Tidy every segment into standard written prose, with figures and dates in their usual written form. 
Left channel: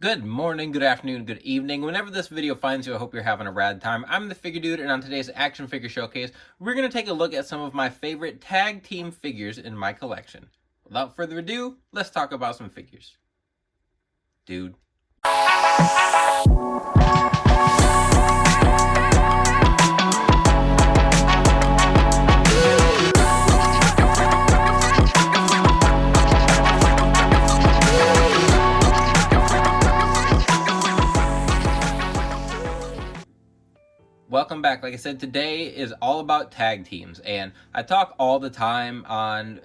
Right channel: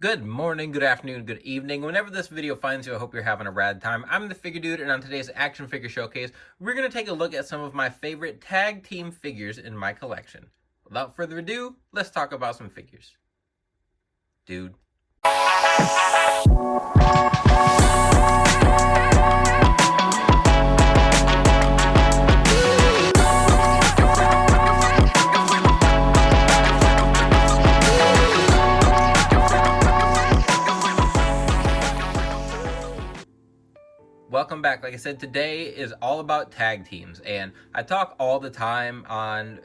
Good morning, good afternoon, good evening. Whenever this video finds you, I hope you're having a rad time. I'm the Figure Dude, and on today's Action Figure Showcase, we're going to take a look at some of my favorite tag team figures in my collection. Without further ado, let's talk about some figures. Dude. Welcome back. Like I said, today is all about tag teams, and I talk all the time on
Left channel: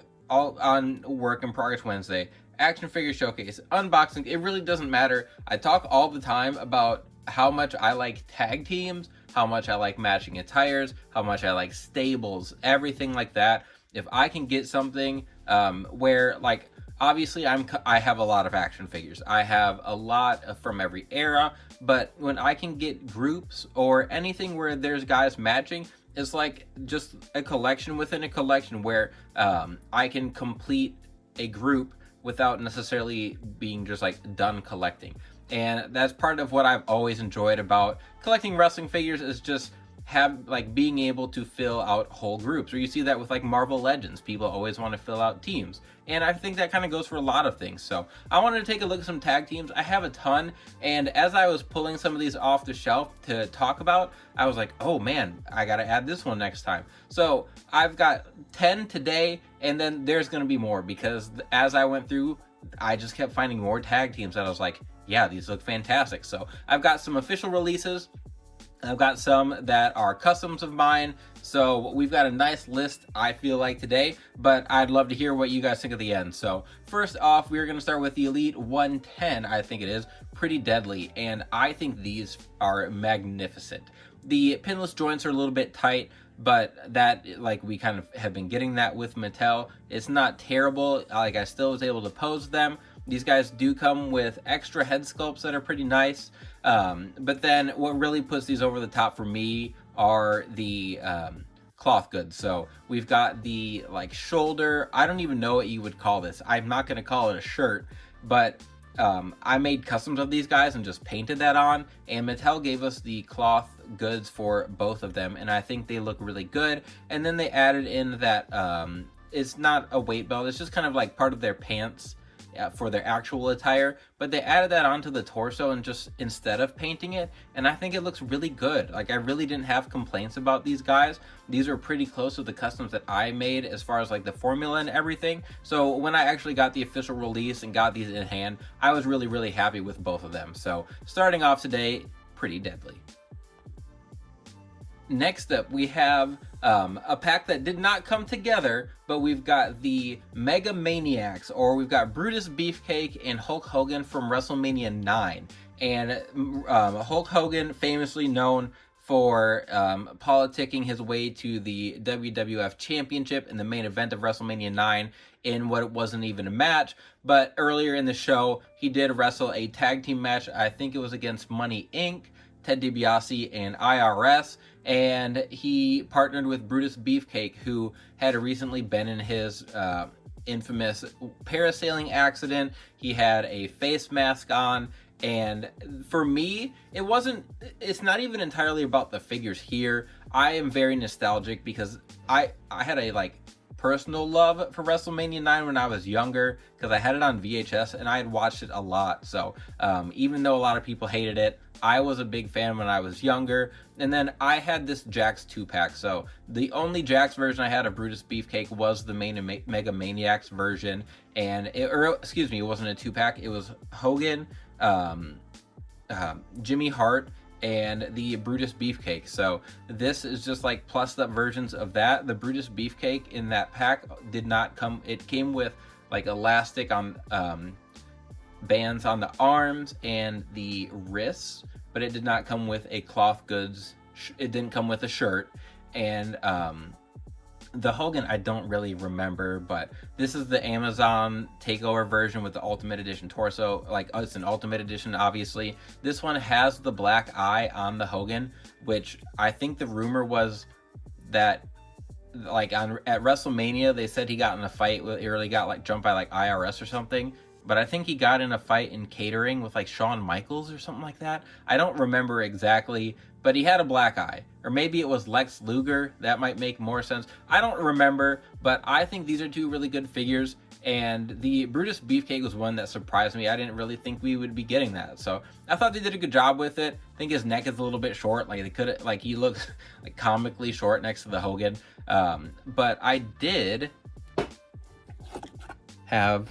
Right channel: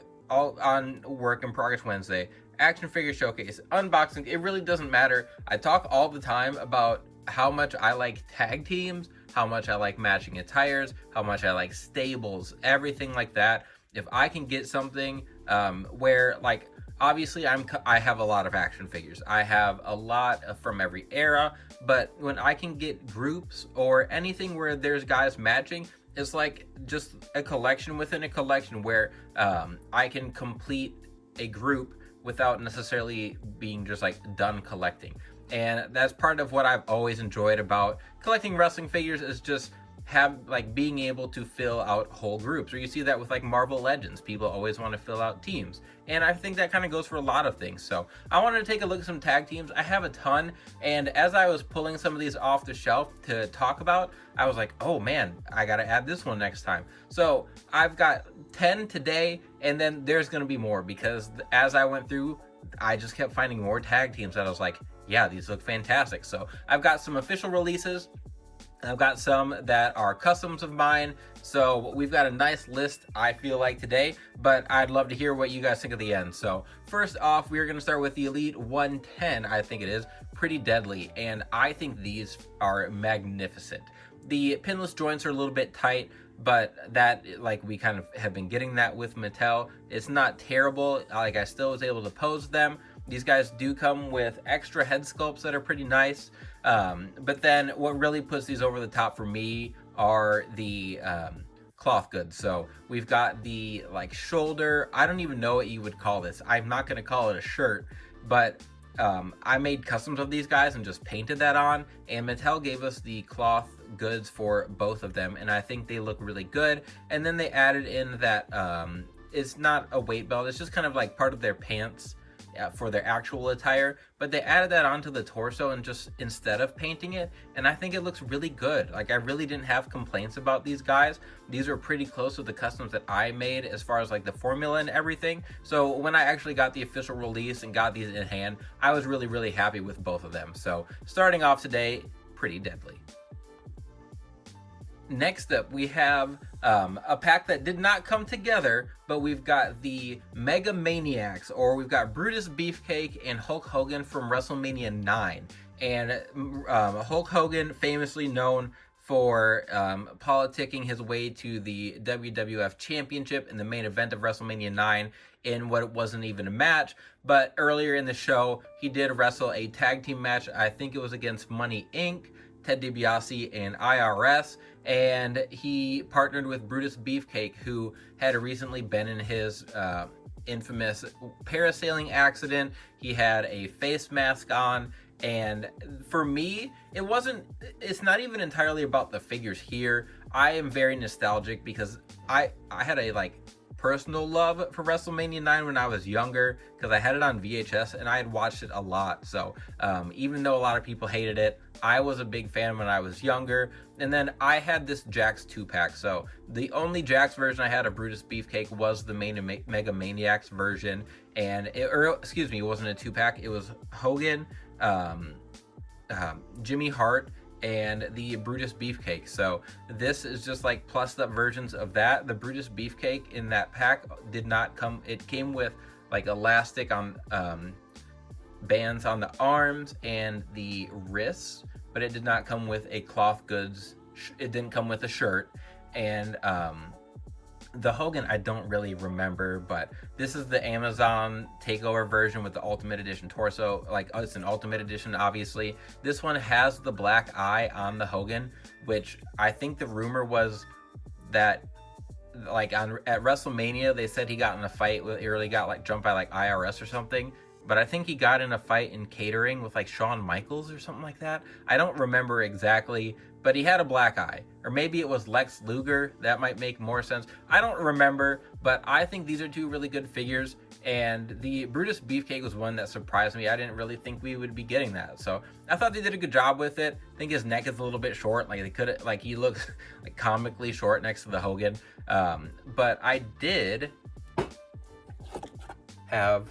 Work in Progress Wednesday, Action Figure Showcase, unboxing. It really doesn't matter. I talk all the time about how much I like tag teams, how much I like matching attires, how much I like stables, everything like that. If I can get something where, like, obviously I have a lot of action figures. I have a lot from every era, but when I can get groups or anything where there's guys matching, it's like just a collection within a collection where I can complete a group without necessarily being just like done collecting. And that's part of what I've always enjoyed about collecting wrestling figures, is just being able to fill out whole groups. Or you see that with like Marvel Legends, people always want to fill out teams, and I think that kind of goes for a lot of things. So I wanted to take a look at some tag teams. I have a ton, and as I was pulling some of these off the shelf to talk about, I was like, oh man, I gotta add this one next time. So I've got 10 today, and then there's gonna be more, because as I went through, I just kept finding more tag teams that I was like, yeah, these look fantastic. So I've got some official releases, I've got some that are customs of mine, so we've got a nice list, I feel like, today, but I'd love to hear what you guys think at the end. So first off, we're going to start with the Elite 110, I think it is, Pretty Deadly, and I think these are magnificent. The pinless joints are a little bit tight, but that, like, we kind of have been getting that with Mattel. It's not terrible, like, I still was able to pose them. These guys do come with extra head sculpts that are pretty nice. But then what really puts these over the top for me are the cloth goods. So we've got the like shoulder, I don't even know what you would call this. I'm not going to call it a shirt, but I made customs of these guys and just painted that on, and Mattel gave us the cloth goods for both of them, and I think they look really good. And then they added in that it's not a weight belt, it's just kind of like part of their pants for their actual attire, but they added that onto the torso and just instead of painting it, and I think it looks really good. Like, I really didn't have complaints about these guys. These are pretty close to the customs that I made as far as like the formula and everything. So when I actually got the official release and got these in hand, I was really happy with both of them. So starting off today, Pretty Deadly. Next up, we have a pack that did not come together, but we've got the Mega Maniacs, or we've got Brutus, Beefcake, and Hulk Hogan from WrestleMania 9. And Hulk Hogan, famously known for politicking his way to the WWF Championship in the main event of WrestleMania 9 in what wasn't even a match. But earlier in the show, he did wrestle a tag team match. I think it was against Money Inc., Ted DiBiase, and IRS, and he partnered with Brutus Beefcake, who had recently been in his infamous parasailing accident. He had a face mask on, and for me, it's not even entirely about the figures here. I am very nostalgic because I had a like personal love for WrestleMania 9 when I was younger, because I had it on VHS and I had watched it a lot. So even though a lot of people hated it, I was a big fan when I was younger. And then I had this Jakks 2-pack. So the only Jakks version I had of Brutus Beefcake was the Mega Maniacs version. And it wasn't a 2-pack. It was Hogan, Jimmy Hart, and the Brutus Beefcake. So this is just like plus up versions of that. The Brutus Beefcake in that pack did not come, it came with like elastic on bands on the arms and the wrists, but it did not come with a cloth goods, it didn't come with a shirt. And the Hogan, I don't really remember, but this is the Amazon takeover version with the Ultimate Edition torso. Like, it's an Ultimate Edition, obviously. This one has the black eye on the Hogan, which I think the rumor was that, like, at WrestleMania, they said he got in a fight with, he really got, like, jumped by, like, IRS or something. but I think he got in a fight in catering with like Shawn Michaels or something like that. I don't remember exactly, but he had a black eye. Or maybe it was Lex Luger. That might make more sense. I don't remember, but I think these are two really good figures. And the Brutus Beefcake was one that surprised me. I didn't really think we would be getting that. So I thought they did a good job with it. I think his neck is a little bit short. Like they could, like he looks like comically short next to the Hogan. But I did have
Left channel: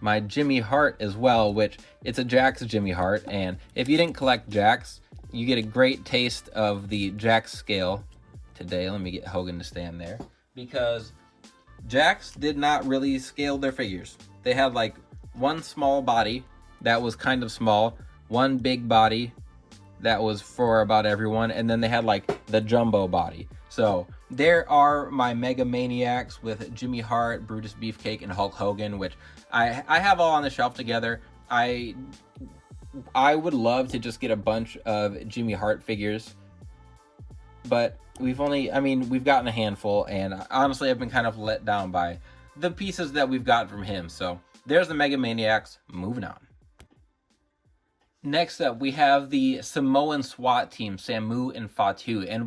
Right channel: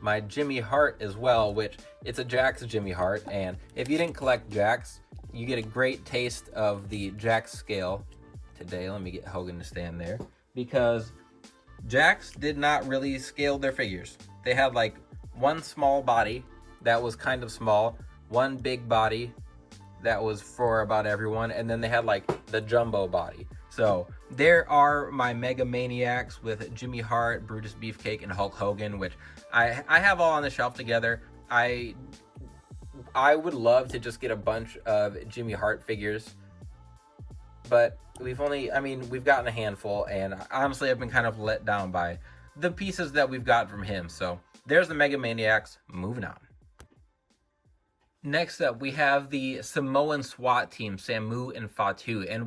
my Jimmy Hart as well, which it's a Jakks Jimmy Hart. And if you didn't collect Jakks, you get a great taste of the Jakks scale today. Let me get Hogan to stand there, because Jakks did not really scale their figures. They had like one small body that was kind of small, one big body that was for about everyone, and then they had like the jumbo body. So there are my Mega Maniacs with Jimmy Hart, Brutus Beefcake, and Hulk Hogan, which I have all on the shelf together. I would love to just get a bunch of Jimmy Hart figures, but we've gotten a handful, and honestly I've been kind of let down by the pieces that we've got from him. So there's the Mega Maniacs. Moving on. Next up, we have the Samoan SWAT team, Samo and Fatu, and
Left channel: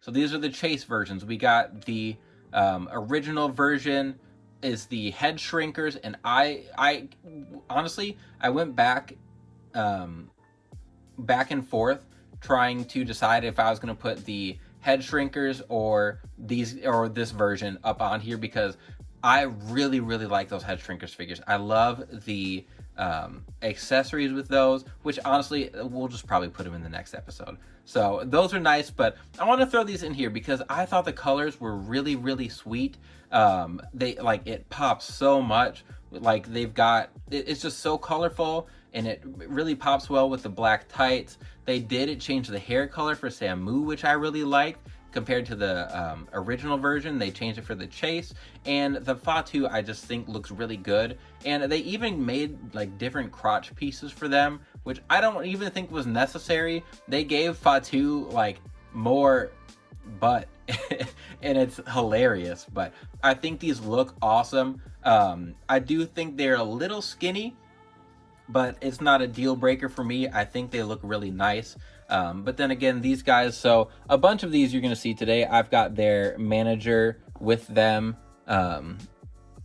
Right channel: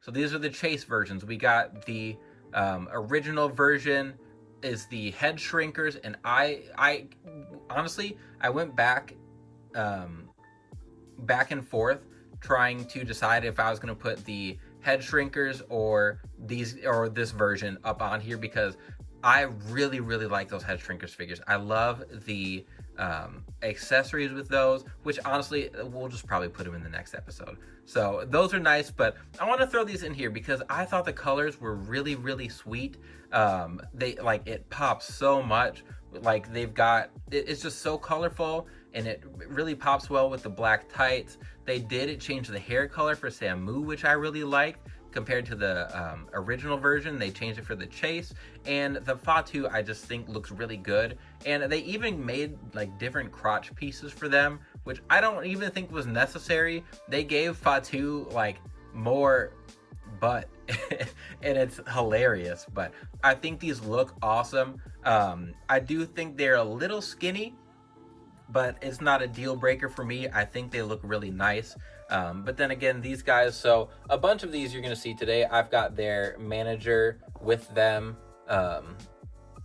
so these are the chase versions. We got the original version is the head shrinkers, and I honestly I went back and forth trying to decide if I was going to put the head shrinkers or this version up on here, because I really like those head shrinkers figures. I love the accessories with those, which honestly we'll just probably put them in the next episode. So those are nice, but I want to throw these in here because I thought the colors were really sweet. They like, it pops so much. Like it's just so colorful, and it really pops well with the black tights. They did change the hair color for Samo, which I really liked. Compared to the original version, they changed it for the chase, and the Fatu I just think looks really good. And they even made like different crotch pieces for them, which I don't even think was necessary. They gave Fatu like more butt and it's hilarious, but I think these look awesome. I do think they're a little skinny, but it's not a deal breaker for me. I think they look really nice. But then again, these guys, so a bunch of these you're going to see today, I've got their manager with them.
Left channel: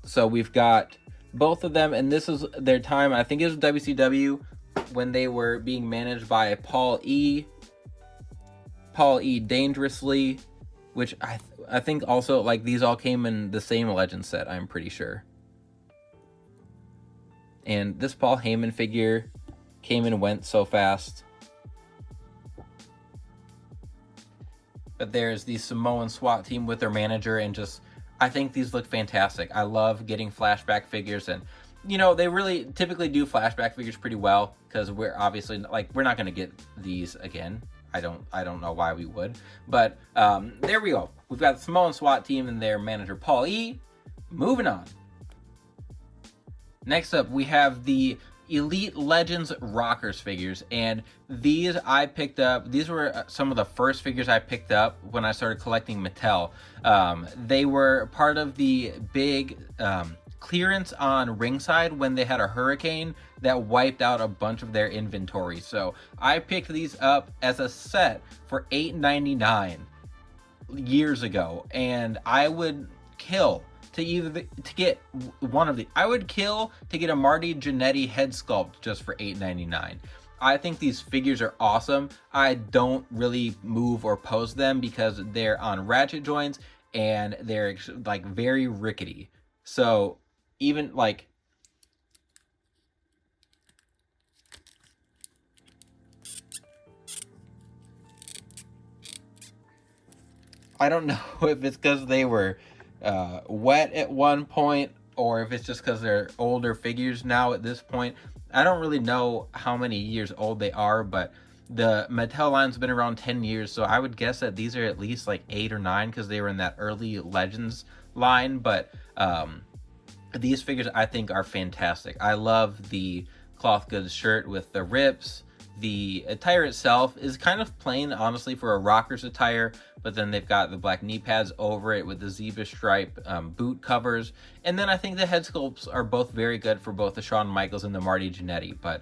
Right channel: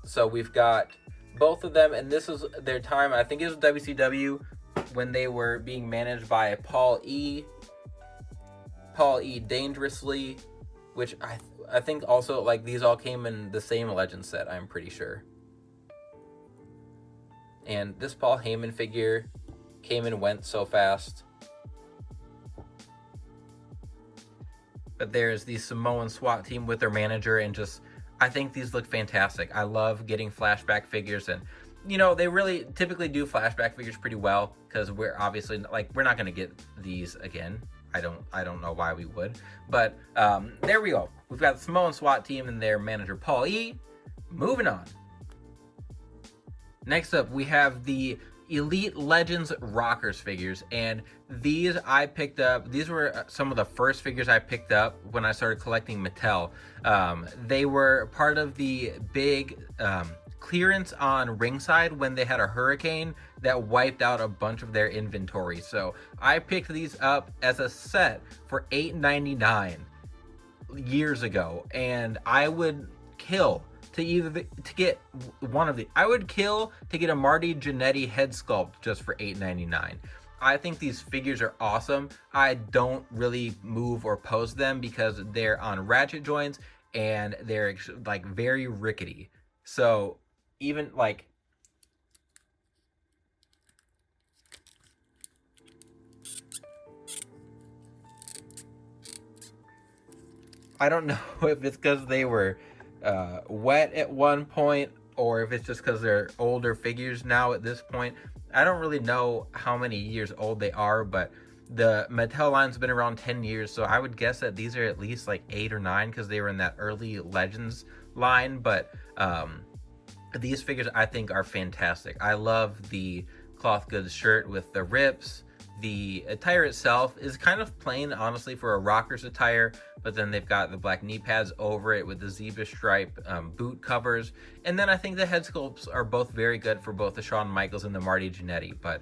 So we've got both of them, and this is their time. I think it was WCW when they were being managed by Paul E. Dangerously, which I think also, like, these all came in the same Legend set, I'm pretty sure. And this Paul Heyman figure came and went so fast. But there's the Samoan SWAT team with their manager, and just, I think these look fantastic. I love getting flashback figures, and you know, they really typically do flashback figures pretty well, because we're obviously, like, we're not going to get these again. I don't know why we would, but there we go. We've got the Samoan SWAT team and their manager Paul E. Moving on. Next up, we have the Elite Legends Rockers figures, and these I picked up. These were some of the first figures I picked up when I started collecting Mattel. They were part of the big clearance on Ringside when they had a hurricane that wiped out a bunch of their inventory. So I picked these up as a set for $8.99 years ago, and I would kill to get one of the. I would kill to get a Marty Jannetty head sculpt just for $8.99. I think these figures are awesome. I don't really move or pose them because they're on ratchet joints and they're like very rickety. So even like, I don't know if it's because they were wet at one point, or if it's just because they're older figures now at this point. I don't really know how many years old they are, but the Mattel line's been around 10 years, so I would guess that these are at least like 8 or 9 because they were in that early Legends line. But these figures I think are fantastic. I love the cloth goods shirt with the rips, the attire itself is kind of plain, honestly, for a Rockers attire, but then they've got the black knee pads over it with the zebra stripe boot covers. And then I think the head sculpts are both very good for both the Shawn Michaels and the Marty Jannetty, but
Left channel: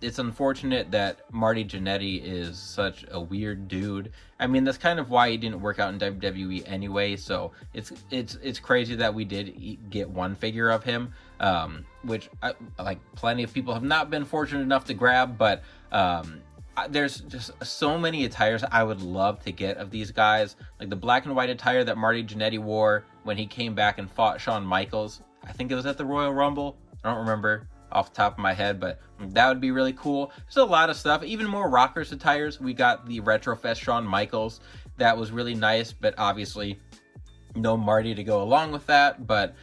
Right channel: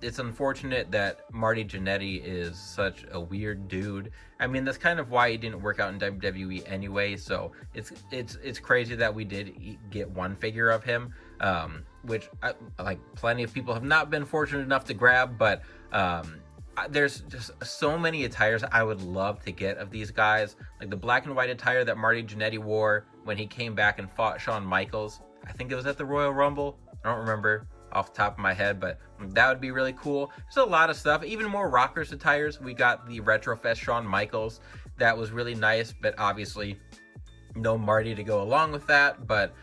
it's unfortunate that Marty Jannetty is such a weird dude. I mean, that's kind of why he didn't work out in WWE anyway, so it's crazy that we did get one figure of him, which like plenty of people have not been fortunate enough to grab, but there's just so many attires I would love to get of these guys. Like the black and white attire that Marty Jannetty wore when he came back and fought Shawn Michaels. I think it was at the Royal Rumble. I don't remember off the top of my head, but that would be really cool. There's a lot of stuff, even more Rockers attires. We got the Retrofest Shawn Michaels. That was really nice, but obviously no Marty to go along with that. But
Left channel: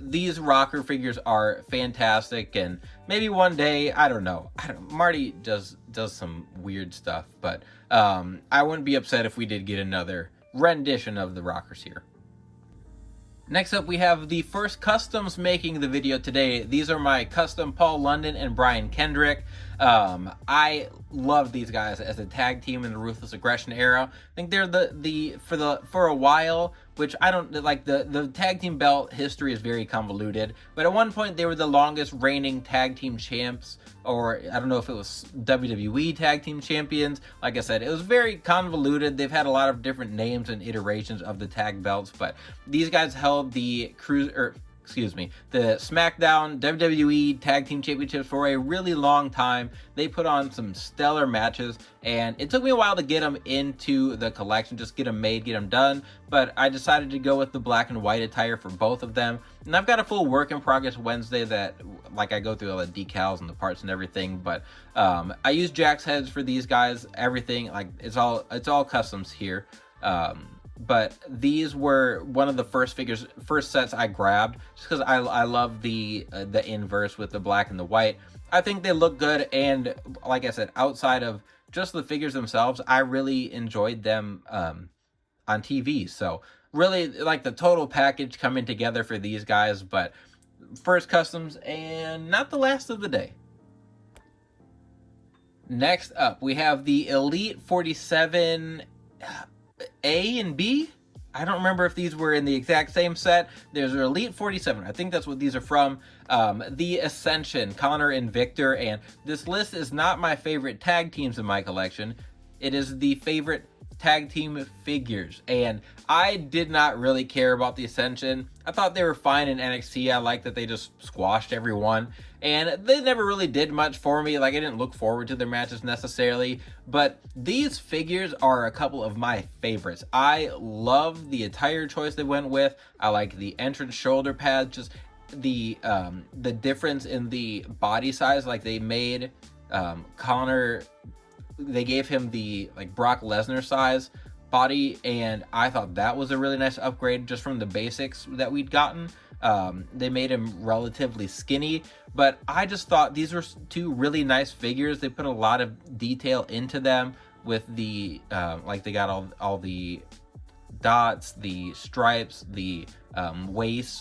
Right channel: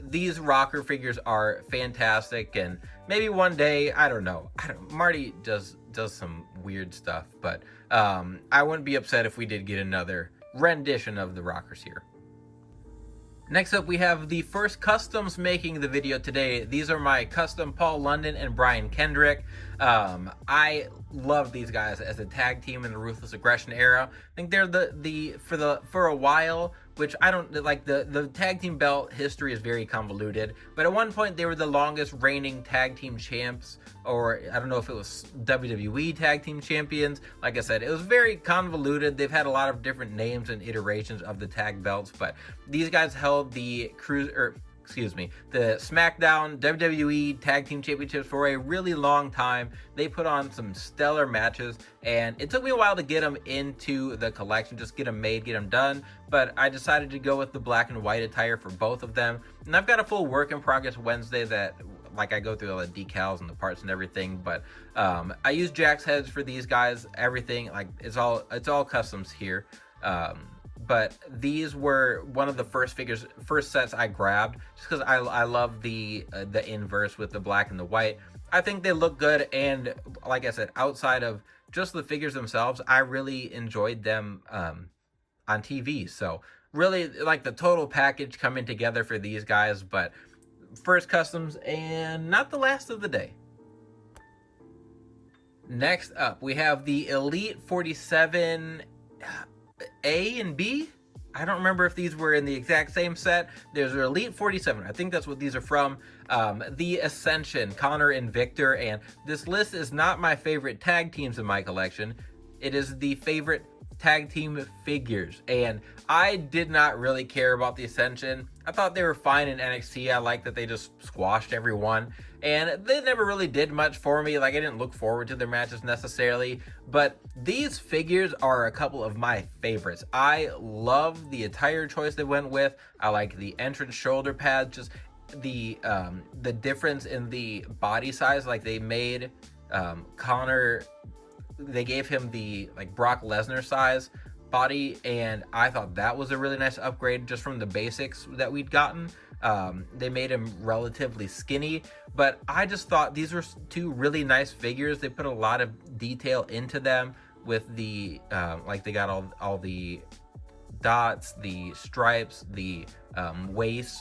these rocker figures are fantastic, and maybe one day, I don't know, Marty does some weird stuff, but I wouldn't be upset if we did get another rendition of the Rockers here. Next up, we have the first customs making the video today. These are my custom Paul London and Brian Kendrick. I love these guys as a tag team in the Ruthless Aggression era. I think they're for a while, which I don't like. The tag team belt history is very convoluted, but at one point they were the longest reigning tag team champs, or I don't know if it was WWE tag team champions. Like I said, it was very convoluted. They've had a lot of different names and iterations of the tag belts, but these guys held the the SmackDown WWE Tag Team Championships for a really long time. They put on some stellar matches, and it took me a while to get them into the collection, just get them made, get them done, but I decided to go with the black and white attire for both of them. And I've got a full work in progress Wednesday that, like, I go through all the decals and the parts and everything, but I use Jack's heads for these guys, everything, like, it's all customs here. But these were one of the first sets I grabbed, just because I love the inverse with the black and the white. I think they look good, and like I said, outside of just the figures themselves, I really enjoyed them on TV. So really, like, the total package coming together for these guys, but first customs and not the last of the day. Next up, we have the Elite 47 A and B. I don't remember if these were in the exact same set. There's an Elite 47. I think that's what these are from. The Ascension, Connor and Victor. And this list is not my favorite tag teams in my collection. It is the favorite tag team figures. And I did not really care about the Ascension. I thought they were fine in NXT. I like that they just squashed everyone. And they never really did much for me. Like, I didn't look forward to their matches necessarily. But these figures are a couple of my favorites. I love the attire choice they went with. I like the entrance shoulder pads. Just the difference in the body size. Like, they made Connor, they gave him the, like, Brock Lesnar size body, and I thought that was a really nice upgrade just from the basics that we'd gotten. They made him relatively skinny, but I just thought these were two really nice figures. They put a lot of detail into them with the like, they got all the dots, the stripes, the waist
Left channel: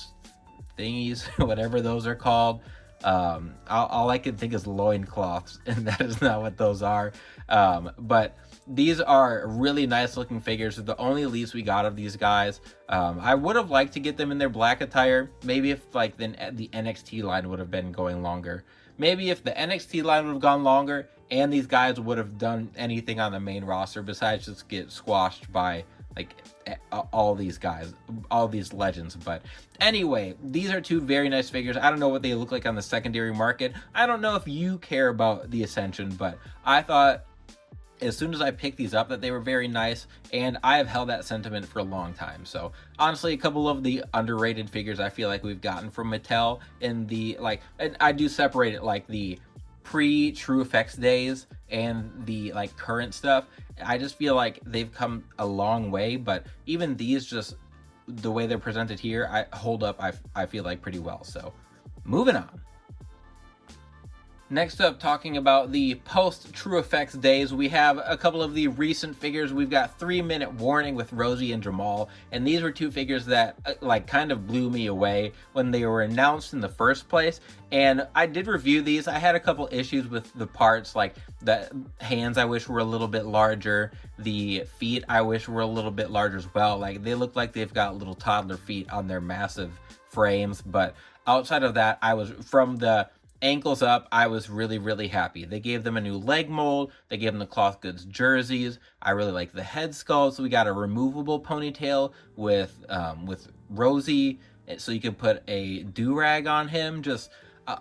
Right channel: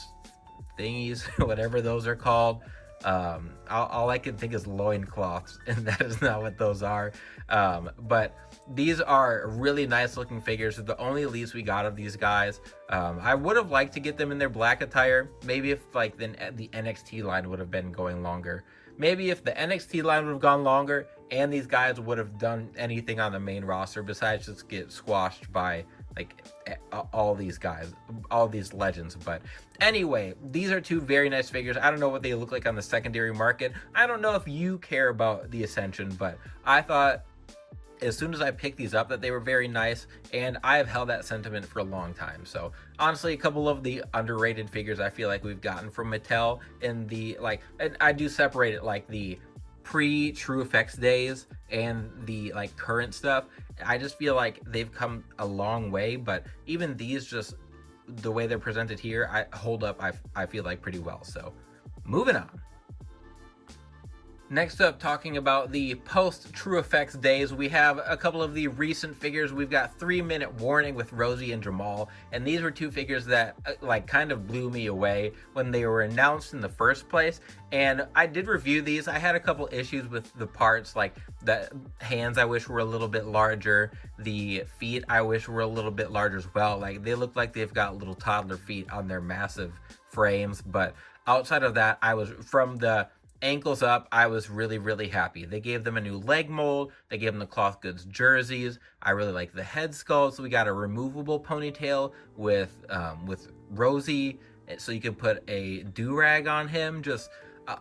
thingies, whatever those are called. All I can think is loincloths, and that is not what those are. But these are really nice looking figures. They're the only elites we got of these guys. I would have liked to get them in their black attire. Maybe if, like, the NXT line would have been going longer. Maybe if the NXT line would have gone longer and these guys would have done anything on the main roster besides just get squashed by, like, all these guys, all these legends. But anyway, these are two very nice figures. I don't know what they look like on the secondary market. I don't know if you care about the Ascension, but I thought as soon as I picked these up that they were very nice, and I have held that sentiment for a long time. So honestly, a couple of the underrated figures I feel like we've gotten from Mattel in the, like, and I do separate it, like, the pre-True Effects days and the, like, current stuff. I just feel like they've come a long way, but even these, just the way they're presented here, I hold up, I feel like, pretty well. So moving on. Next up, talking about the post True Effects days, we have a couple of the recent figures. We've got 3 Minute Warning with Rosie and Jamal, and these were two figures that kind of blew me away when they were announced in the first place. And I did review these. I had a couple issues with the parts, like the hands I wish were a little bit larger, the feet I wish were a little bit larger as well. Like, they look like they've got little toddler feet on their massive frames, but outside of that, I was, from the ankles up, I was really happy. They gave them a new leg mold. They gave them the cloth goods jerseys. I really like the head sculpt. So we got a removable ponytail with Rosie, so you could put a do-rag on him. Just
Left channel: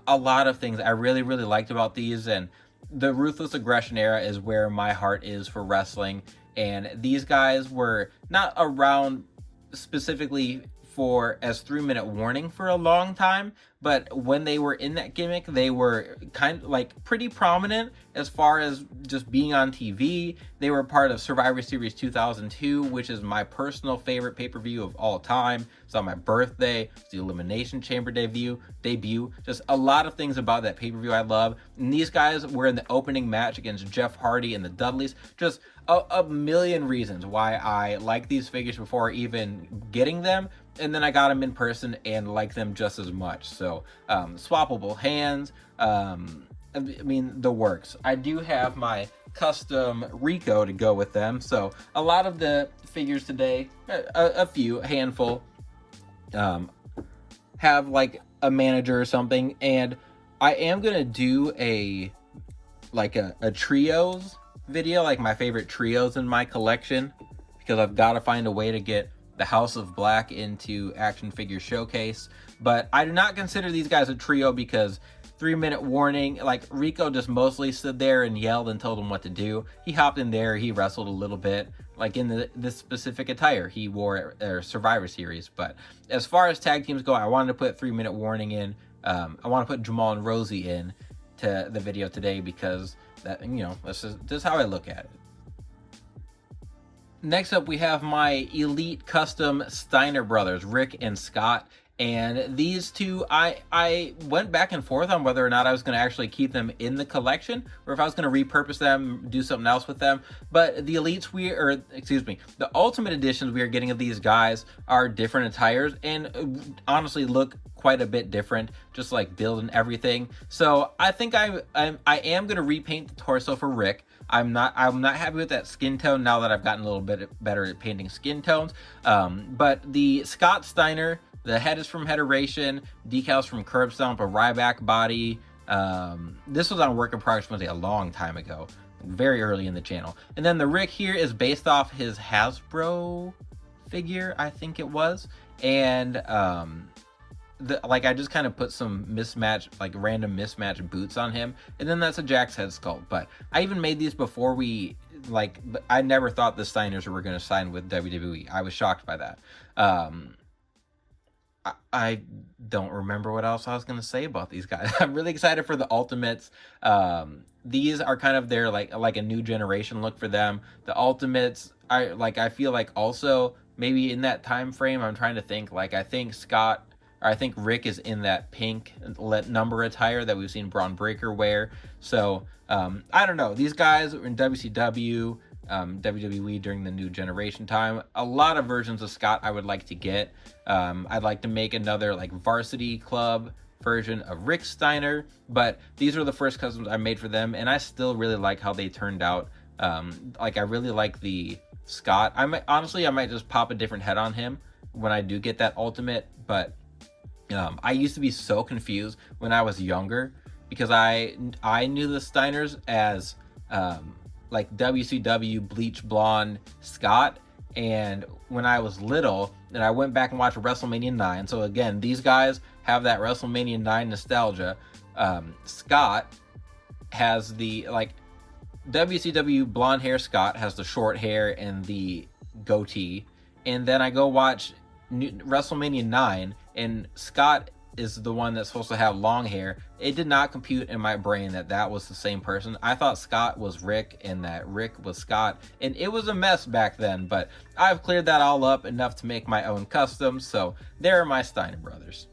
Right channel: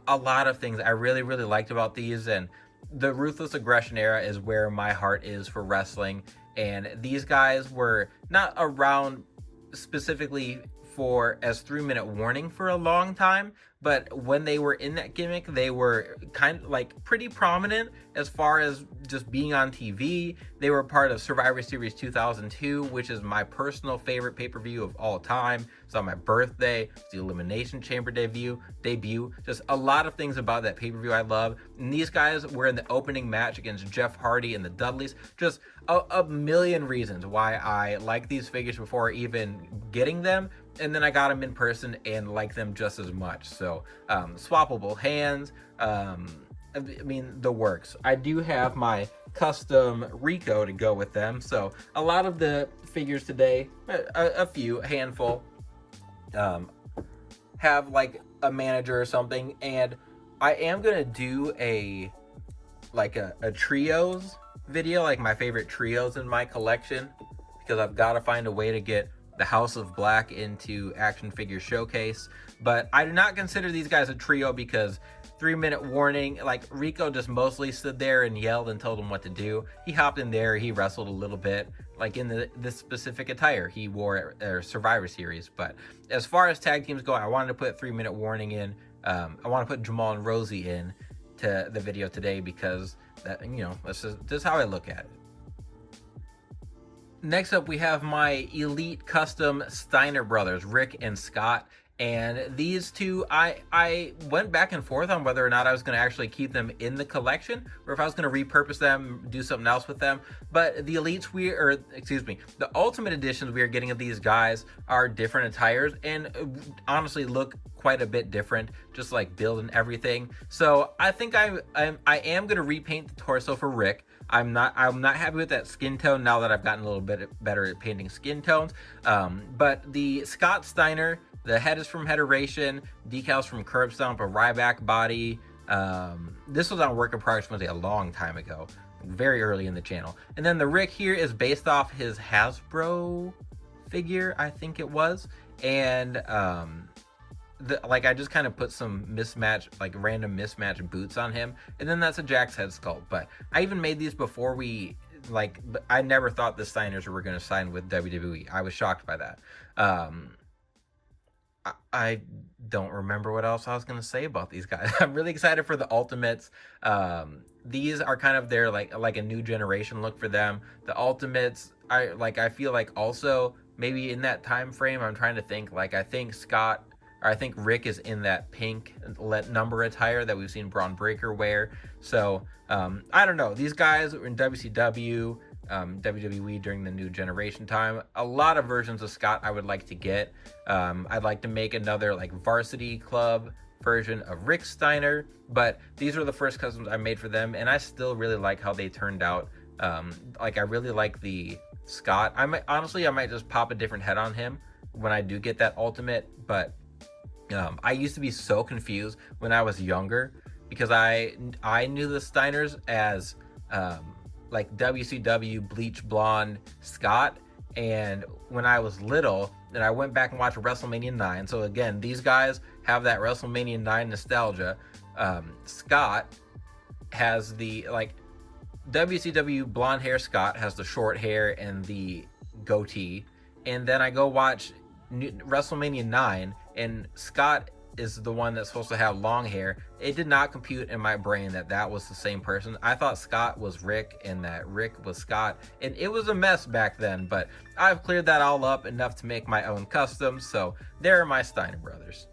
a lot of things I really liked about these. And the Ruthless Aggression era is where my heart is for wrestling, and these guys were not around specifically for as 3 Minute Warning for a long time, but when they were in that gimmick, they were kind of like pretty prominent as far as just being on TV. They were part of Survivor Series 2002, which is my personal favorite pay-per-view of all time. It's on my birthday. It's the Elimination Chamber debut. Just a lot of things about that pay-per-view I love. And these guys were in the opening match against Jeff Hardy and the Dudleys. Just a million reasons why I like these figures before even getting them. And then I got them in person and like them just as much. So swappable hands, I mean, the works. I do have my custom Rico to go with them. So a lot of the figures today, a handful, have like a manager or something. And I am gonna do a trios video, like my favorite trios in my collection, because I've got to find a way to get the House of Black into Action Figure Showcase. But I do not consider these guys a trio because 3 Minute Warning, like, Rico just mostly stood there and yelled and told him what to do. He hopped in there, he wrestled a little bit, like in this specific attire he wore at Survivor Series. But as far as tag teams go, I wanted to put 3 Minute Warning in. I want to put Jamal and Rosie in to the video today because that, you know, that's just how I look at it. Next up, we have my Elite Custom Steiner Brothers, Rick and Scott. And these two, I went back and forth on whether or not I was going to actually keep them in the collection or if I was going to repurpose them, do something else with them. But the Elites the Ultimate Editions we are getting of these guys are different attires and honestly look quite a bit different, just like build and everything. So I think I am going to repaint the torso for Rick. I'm not happy with that skin tone now that I've gotten a little bit better at painting skin tones. But the Scott Steiner, the head is from Hederation, decals from Curb Stomp, a Ryback body. This was on Work in Progress Wednesday a long time ago, very early in the channel. And then the Rick here is based off his Hasbro figure, I think it was. And I just kind of put some random mismatched boots on him, and then that's a Jack's head sculpt. But I even made these before but I never thought the Steiners were going to sign with WWE. I was shocked by that. I don't remember what else I was going to say about these guys. I'm really excited for the Ultimates. These are kind of their like a new generation look for them. The Ultimates, I feel like also maybe in that time frame. I'm trying to think. I think Rick is in that pink number attire that we've seen Braun Breaker wear. So I don't know. These guys were in WCW, WWE during the New Generation time. A lot of versions of Scott I would like to get. I'd like to make another Varsity Club version of Rick Steiner, but these were the first customs I made for them, and I still really like how they turned out. I really like the Scott. I might just pop a different head on him when I do get that Ultimate, but I used to be so confused when I was younger because I knew the Steiners as WCW bleach blonde Scott, and when I was little, then I went back and watched WrestleMania 9. So again, these guys have that WrestleMania 9 nostalgia. Scott has the WCW blonde hair. Scott has the short hair and the goatee, and then I go watch WrestleMania 9, and Scott is the one that's supposed to have long hair. It did not compute in my brain that was the same person. I thought Scott was Rick and that Rick was Scott, and it was a mess back then, but I've cleared that all up enough to make my own custom. So there are my Steiner Brothers.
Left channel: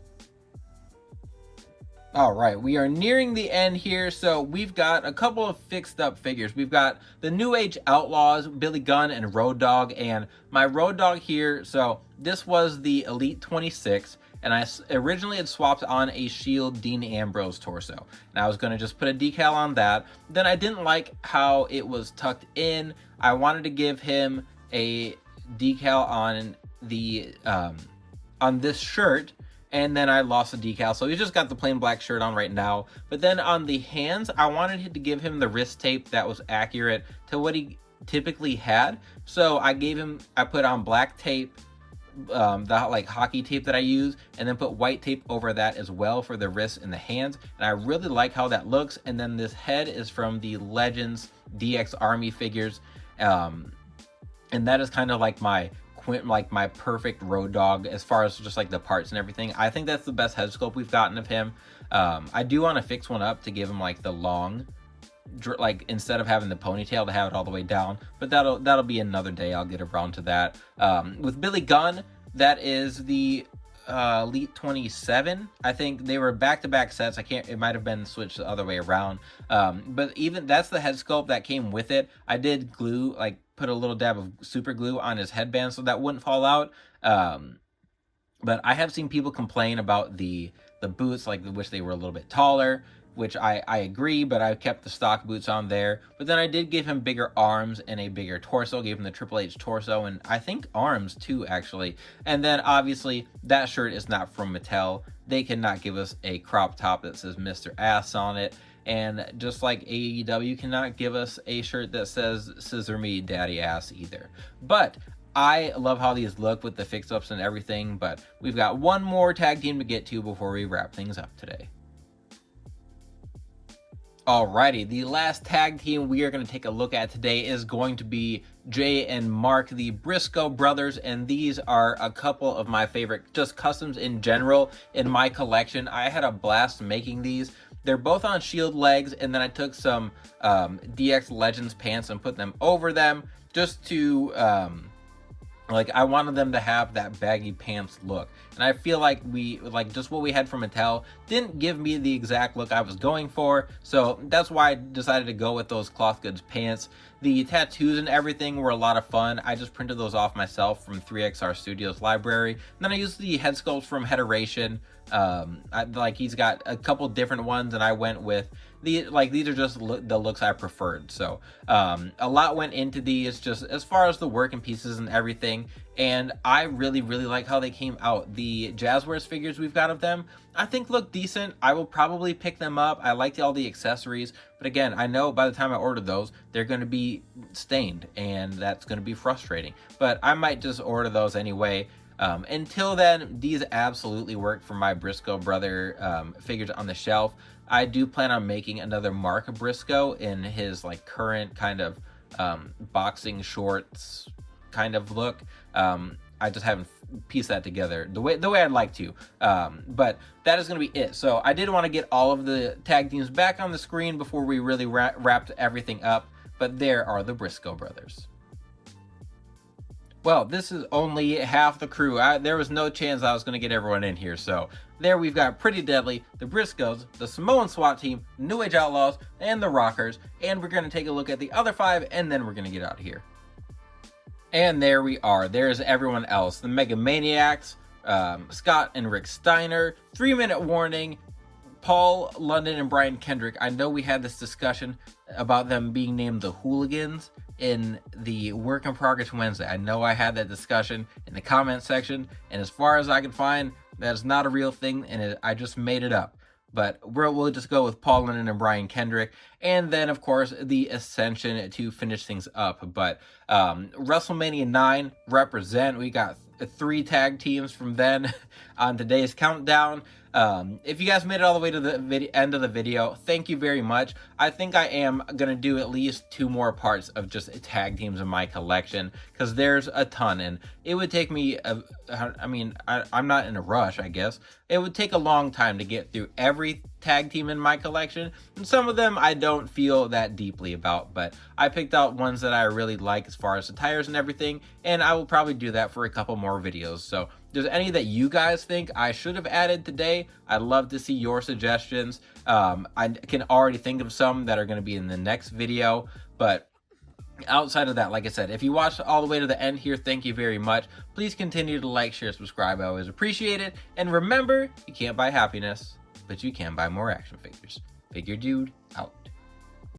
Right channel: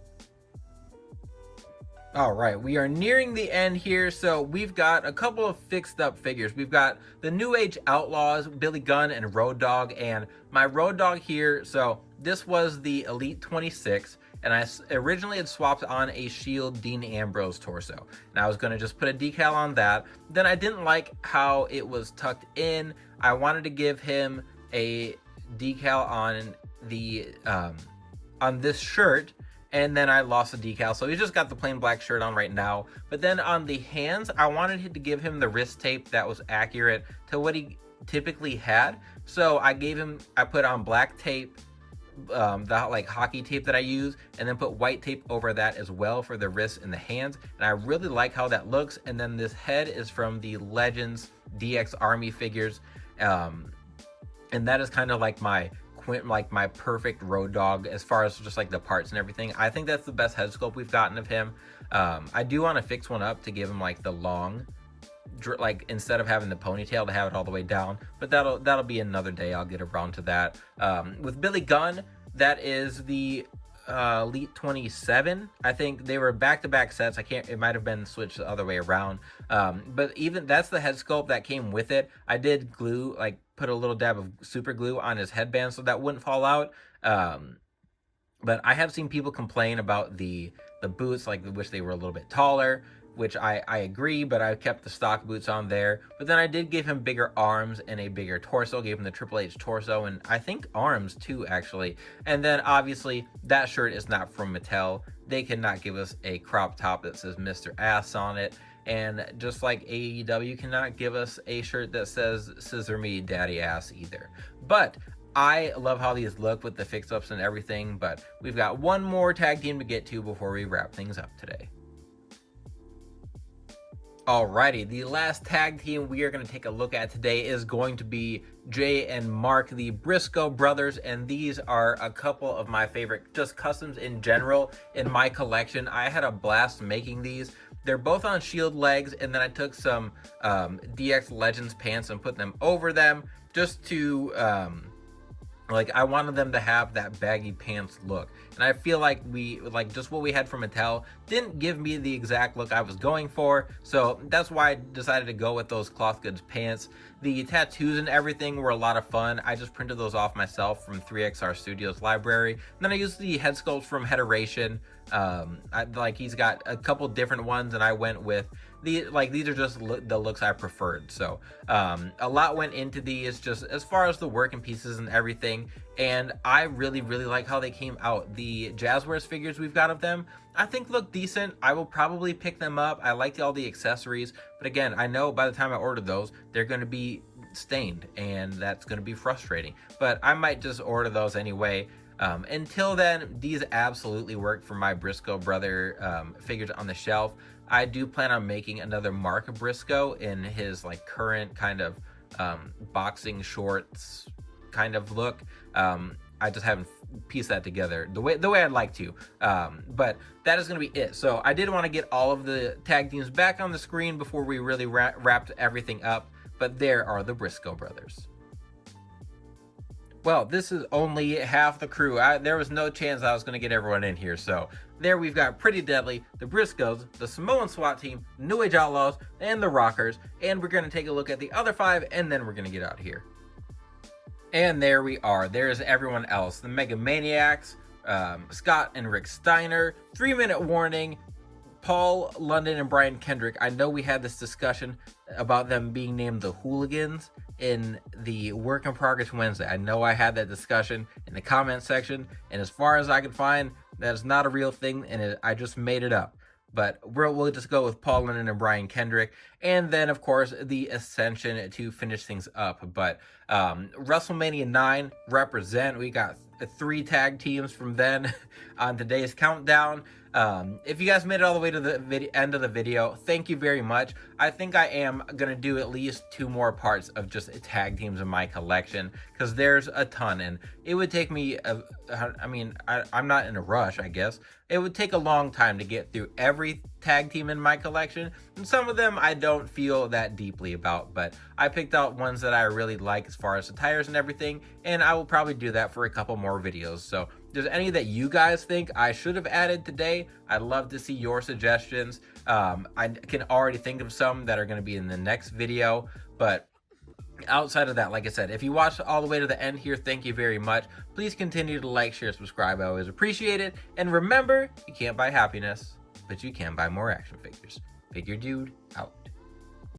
All right, we are nearing the end here, so we've got a couple of fixed up figures. We've got the New Age Outlaws, Billy Gunn and Road Dogg, and my Road Dogg here, so this was the Elite 26, and I originally had swapped on a Shield Dean Ambrose torso, and I was going to just put a decal on that. Then I didn't like how it was tucked in. I wanted to give him a decal on the on this shirt, and then I lost the decal, so he's just got the plain black shirt on right now. But then on the hands, I wanted to give him the wrist tape that was accurate to what he typically had. So I put on black tape, the like hockey tape that I use, and then put white tape over that as well for the wrists and the hands. And I really like how that looks. And then this head is from the Legends DX Army figures, and that is kind of like my perfect Road Dogg as far as just like the parts and everything. I think that's the best head sculpt we've gotten of him. I do want to fix one up to give him like the long, like instead of having the ponytail, to have it all the way down, but that'll be another day. I'll get around to that. With Billy Gunn, that is the Elite 27. I think they were back-to-back sets. It might have been switched the other way around, but even that's the head sculpt that came with it. I did put a little dab of super glue on his headband so that wouldn't fall out. But I have seen people complain about the boots, like wish they were a little bit taller, which I agree, but I kept the stock boots on there. But then I did give him bigger arms and a bigger torso, gave him the Triple H torso, and I think arms too, actually. And then obviously that shirt is not from Mattel. They cannot give us a crop top that says Mr. Ass on it. And just like AEW cannot give us a shirt that says Scissor Me Daddy Ass either. But I love how these look with the fix-ups and everything, but we've got one more tag team to get to before we wrap things up today. Alrighty, the last tag team we are going to take a look at today is going to be Jay and Mark, the Brisco Brothers, and these are a couple of my favorite just customs in general in my collection. I had a blast making these. They're both on Shield legs, and then I took some DX Legends pants and put them over them just to I wanted them to have that baggy pants look. And I feel like just what we had from Mattel didn't give me the exact look I was going for. So that's why I decided to go with those cloth goods pants. The tattoos and everything were a lot of fun. I just printed those off myself from 3XR Studios library. And then I used the head sculpts from Heteration. He's got a couple different ones, and I went with these are just the looks I preferred. So a lot went into these just as far as the working pieces and everything, and I really like how they came out. The Jazzwares figures we've got of them I think look decent. I will probably pick them up. I liked all the accessories, but again, I know by the time I order those they're going to be stained, and that's going to be frustrating, but I might just order those anyway. Until then, these absolutely work for my Brisco brother figures on the shelf. I do plan on making another Mark Brisco in his current kind of boxing shorts kind of look. I just haven't pieced that together the way I'd like to. But that is going to be it. So I did want to get all of the tag teams back on the screen before we really wrapped everything up. But there are the Brisco brothers. Well, this is only half the crew. There was no chance I was going to get everyone in here. So there we've got Pretty Deadly, the Briscoes, the Samoan SWAT team, New Age Outlaws, and the Rockers. And we're going to take a look at the other 5, and then we're going to get out of here. And there we are. There's everyone else. The Mega Maniacs, Scott and Rick Steiner, 3-minute warning, Paul London and Brian Kendrick. I know we had this discussion about them being named the Hooligans in the Work in Progress Wednesday. I know I had that discussion in the comment section, and as far as I can find, that's not a real thing, and I just made it up. But we'll just go with Paul London and Brian Kendrick, and then of course the Ascension to finish things up. But WrestleMania 9 represent. We got 3 tag teams from then on today's countdown. If you guys made it all the way to the end of the video, thank you very much. I think I am gonna do at least 2 more parts of just tag teams in my collection, because there's a ton, and it would take me I'm not in a rush. I guess it would take a long time to get through every tag team in my collection, and some of them I don't feel that deeply about, but I picked out ones that I really like as far as the tires and everything, and I will probably do that for a couple more videos. So if there's any that you guys think I should have added today, I'd love to see your suggestions. I can already think of some that are going to be in the next video, but outside of that, like I said, if you watched all the way to the end here, thank you very much. Please continue to like, share, subscribe. I always appreciate it. And remember, you can't buy happiness, but you can buy more action figures. Figure Dude out.